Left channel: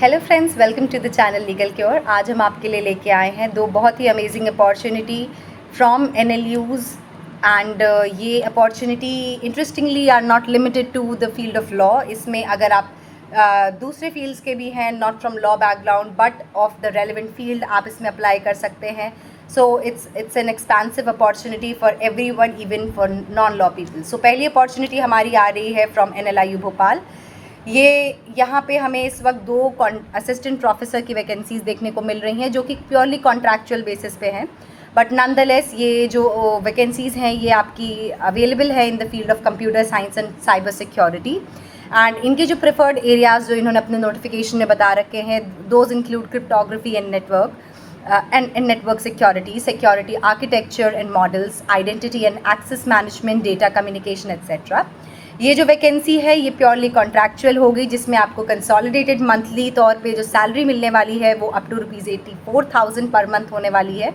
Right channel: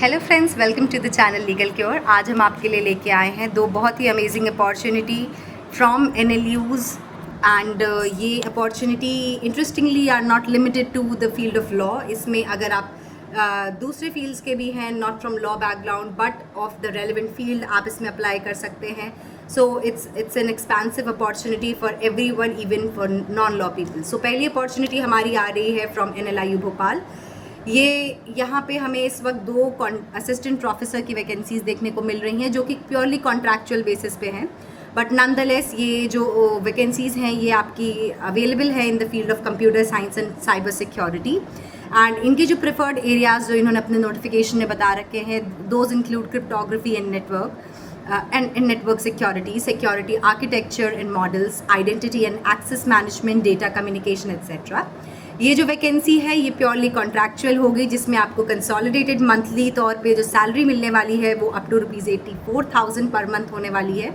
Hello friends, welcome to the channel legal cure. आज हम आपके लिए लेके आए हैं दो बहुत ही amazing opportunity from NLUs and ये opportunity interestingly are not limited to the field of law. इसमें अगर आप दूसरे फील्ड्स के भी हैं, not from law background but of the relevant field, आप इसमें अप्लाई कर सकते हैं। So it's an expensive opportunity for everyone, even for non law people. सो पहली अपॉर्चुनिटी हमारी आ रही है फ्रॉम NLIU भोपाल। ये यहाँ पे हमें इस वक्त दो असिस्टेंट प्रोफेसर की वैकेंसीज़ देखने को मिल रही हैं जो कि प्योरली कॉन्ट्रैक्चुअल बेसिस पे हैं, बट नॉनदलेस ये जो वैकेंसीज़ हैं ये आपकी अवेलेबल है इन the field of computer science and cyber security. And इनके जो प्रेफर्ड एरियाज़ जो इन्होंने अपने नोटिफिकेशन में बता रखे हैं, those include cryptography and network and network security architecture and models, identity and access management, data communication etc. ये जो वैकेंसी है ये प्योरली कॉन्ट्रैक्चुअल होगी, जिसमें आपको कंसोलिडेटेड मंथली तौर पे जो सैलरी मिलने वाली है वो अप टू ₹84,000 पर मंथ होने वाली है,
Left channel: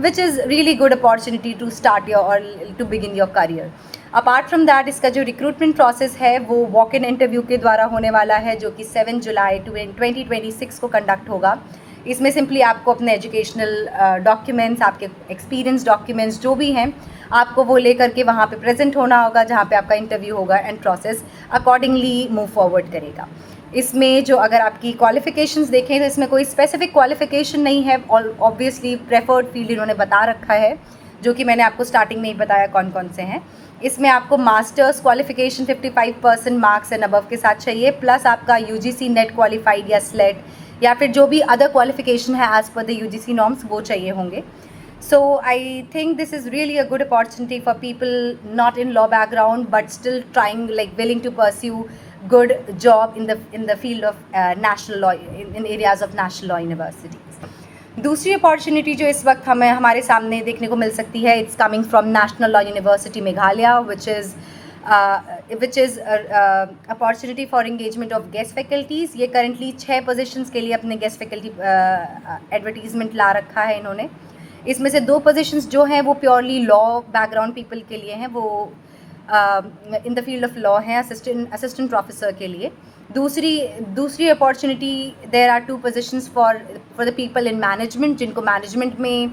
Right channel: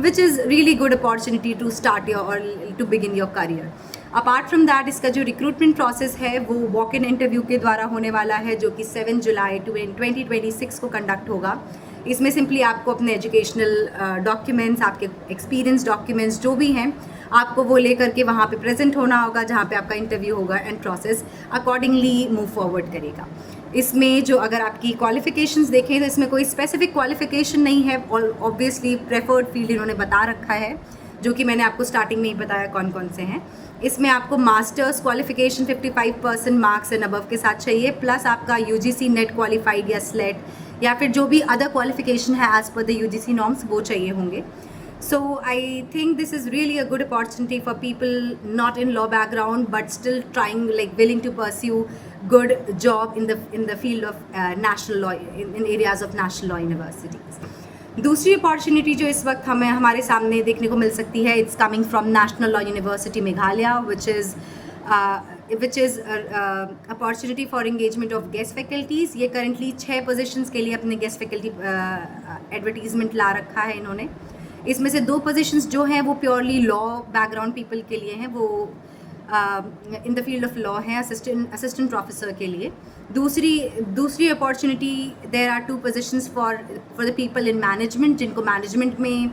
which is really good opportunity to start your और to begin your career. Apart from that, इसका जो रिक्रूटमेंट प्रोसेस है वो वॉक इन इंटरव्यू के द्वारा होने वाला है, जो कि 7 जुलाई 2026 को कंडक्ट होगा। इसमें सिंपली आपको अपने एजुकेशनल डॉक्यूमेंट्स, आपके एक्सपीरियंस डॉक्यूमेंट्स जो भी हैं, आपको वो लेकर के वहाँ पे प्रेजेंट होना होगा, जहाँ पे आपका इंटरव्यू होगा and process accordingly move forward करेगा। इसमें जो अगर आपकी क्वालिफ़िकेशंस देखें तो इसमें कोई स्पेसिफिक क्वालिफ़िकेशन नहीं है, और ऑब्वियसली प्रेफर्ड फील्ड इन्होंने बता रखा है, जो कि मैंने आपको स्टार्टिंग में ही बताया कौन कौन से हैं। इसमें आपको masters qualification 55% marks and above के साथ चाहिए, प्लस आपका UGC नेट क्वालिफाइड या स्लेट या फिर जो भी अदर क्वालिफिकेशन है as per the UGC norms वो चाहिए होंगे। So I think this is really a good opportunity for people not in law background but still trying like willing to pursue good job in the field of national law, in areas of national law universities. दूसरी opportunity जो इस वक्त हमें हमारे सामने देखने को मिल सकती है, it's coming from national law university Meghalaya, which is opportunity for engagement of guest faculties. ये करंटली 6 पोजीशंस के लिए अपने गेस्ट फैकल्टी एडवर्टीज़मेंट ला रखा है इन्होंने। इसमें से 2 पोजीशंस जो हैं वो प्योरली लॉ बैकग्राउंड पीपल के लिए हैं, वो in the field of law हैं, असिस्टेंट प्रोफेसर के लिए। दूसरी opportunity, there are 2 positions for the people in management, जिनको मैनेजमेंट में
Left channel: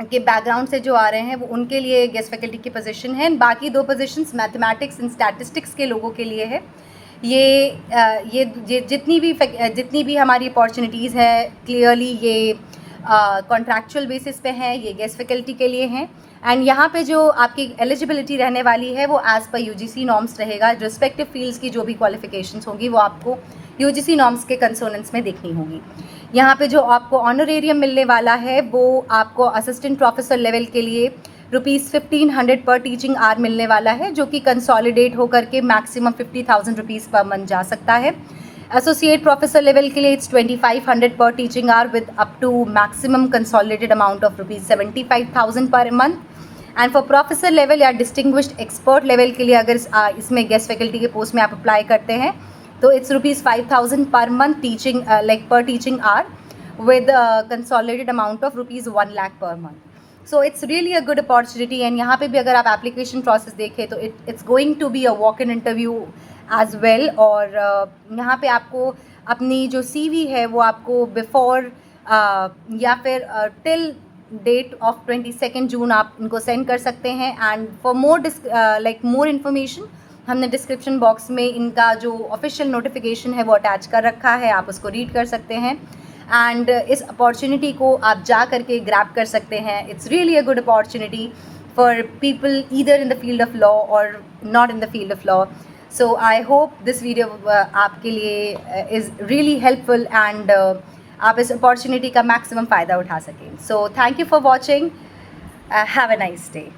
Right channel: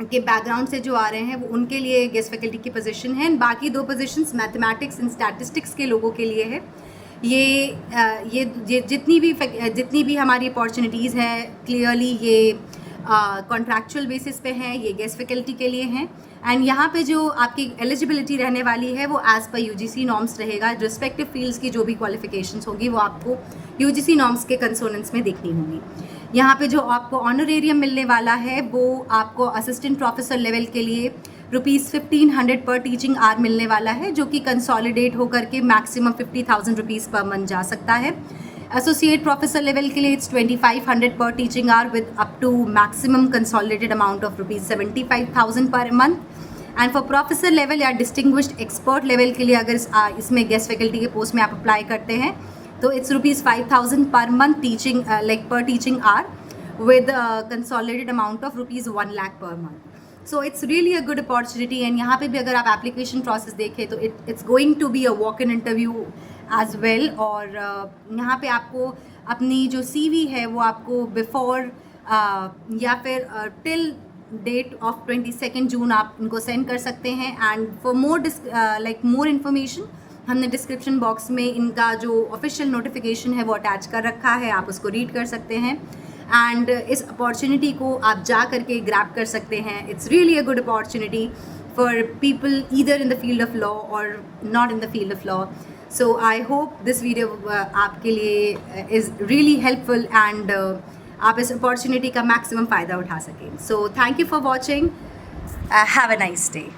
के बैकग्राउंड से जो आ रहे हैं वो उनके लिए गेस्ट फैकल्टी की पोजीशन है। बाकी 2 पोजीशंस मैथमेटिक्स एंड स्टैटिस्टिक्स के लोगों के लिए है। ये जितनी भी हमारी अपॉर्चुनिटीज़ हैं क्लियरली ये कॉन्ट्रैक्चुअल बेसिस पे हैं, ये गेस्ट फैकल्टी के लिए हैं। एंड यहाँ पे जो आपकी एलिजिबिलिटी रहने वाली है वो एज़ पर UGC नॉर्म्स रहेगा। रिस्पेक्टिव फील्ड्स की जो भी क्वालिफिकेशंस होगी वो आपको UGC नॉर्म्स के कंसोनेंट्स में देखनी होगी। यहाँ पे जो आपको ऑनरेरियम मिलने वाला है वो आपको असिस्टेंट प्रोफेसर लेवल के लिए ₹1500 पर टीचिंग आवर मिलने वाला है, जो कि कंसोलिडेट होकर के मैक्सिमम ₹50,000 पर मंथ जा सकता है। एसोसिएट प्रोफेसर लेवल के लिए it's 2500 per teaching hour with up to maximum consolidated amount of ₹75,000 per month. And for professor level या डिस्टिंग्विश्ड एक्सपर्ट लेवल के लिए अगर इसमें गेस्ट फैकल्टी के पोस्ट में आप अप्लाई करते हैं तो it's ₹5,000 per month teaching per teaching hour with consolidated amount of ₹1 lakh per month. So it's really a good opportunity. And यहाँ पे भी अगर आप एप्लीकेशन प्रोसेस देखें तो it's going to be a walk in interview as well. और यहाँ पे आपको अपनी जो CV है वो आपको बिफोर या फिर टिल डेट ऑफ 22 जून आप उनको सेंड कर सकते हैं। एंड फॉर मोर इन्फॉर्मेशन हमने डिस्क्रिप्शन बॉक्स में इनका जो ऑफिशियल नोटिफिकेशन है वो अटैच कर रखा है, आप उसको रीड कर सकते हैं एंड इस अपॉर्चुनिटी को आप जा करके ग्रैब कर सकते हैं। It's really a good opportunity for people either in the field of law और not in the field of law. So I hope this video आपके लिए इज़ रियली हेल्पफुल एंड आप इस अपॉर्चुनिटी का मैक्सिमम फ़ायदा उठा सकें। So thank you for watching, have a nice day.